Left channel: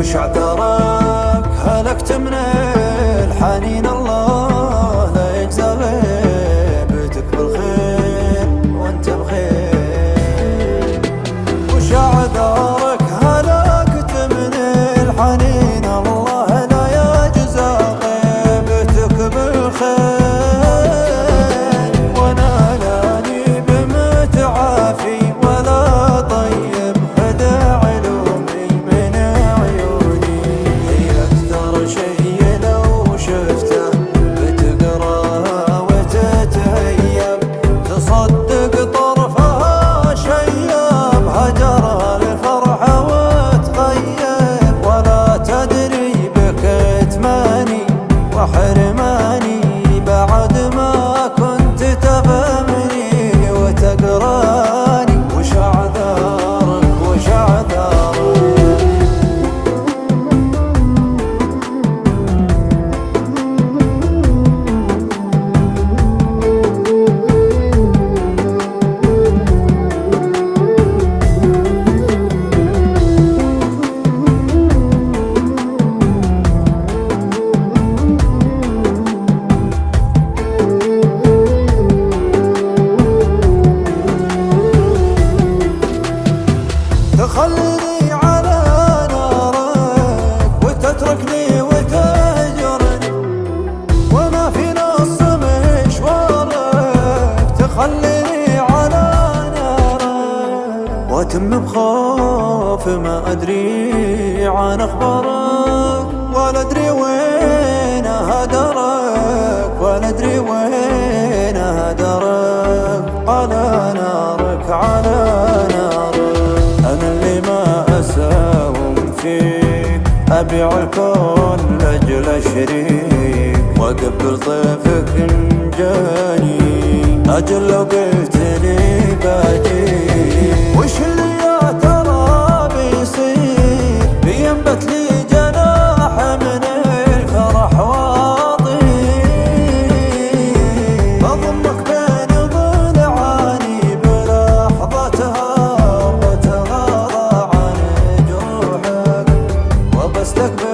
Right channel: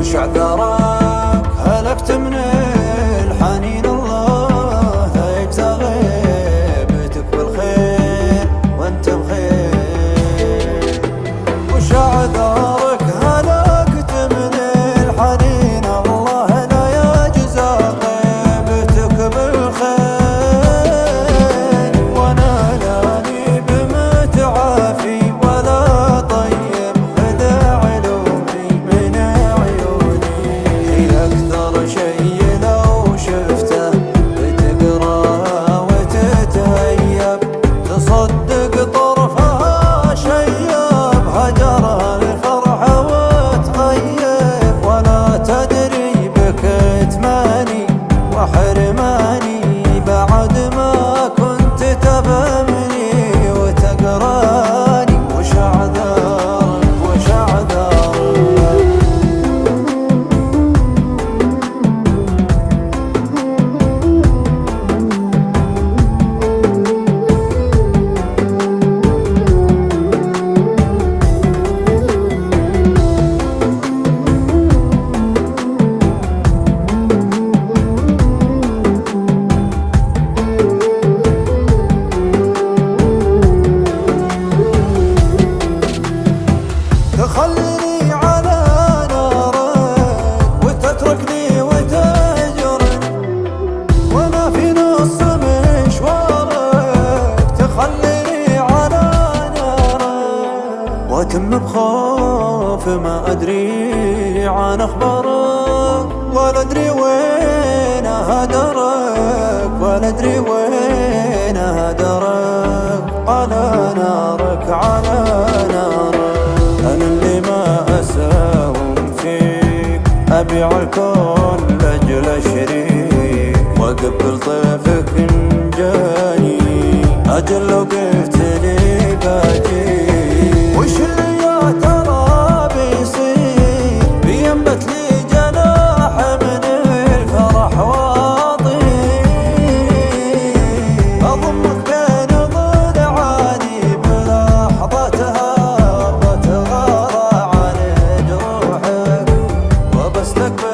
وش عذرك هلكت من الحنين؟ الله لا يجزى غيبتك بالخير وانت بخير. وش عذرك هلكت من الحنين؟ الله لا يجزى غيبتك بالخير. وانا لاني بمتعافي ولا طيب خذ علومي من عيوني. هي اكثر شي لو شفته بتقراه وتتهيب، تصدق طرفها شيب هجرها الفرحة وتغيب. ولا تدري بكتماني وحرماني بعد ما كنت تفهمني وتقراني. وش اعذارك وش اعذارك؟ تخليني على نارك وتتركني وتهجرني وانا في نص مشوارك. تخليني على نارك واتم بخوف ما ادري عن اخبارك، ولا ادري وين هدرك ولا ادري وين هدرك. على نارك على نارك أنا اللي ما أساوم فيك، أبيع الكون لأجل أشريك وأقبل طيفك إن جاني. أجل لو قلت لي باجيك. وش اللي يا ترى بيصير؟ بينبت لي جناح من الفرح وأطير، أضمك بين ضلعاني بلحظتها، بستقبل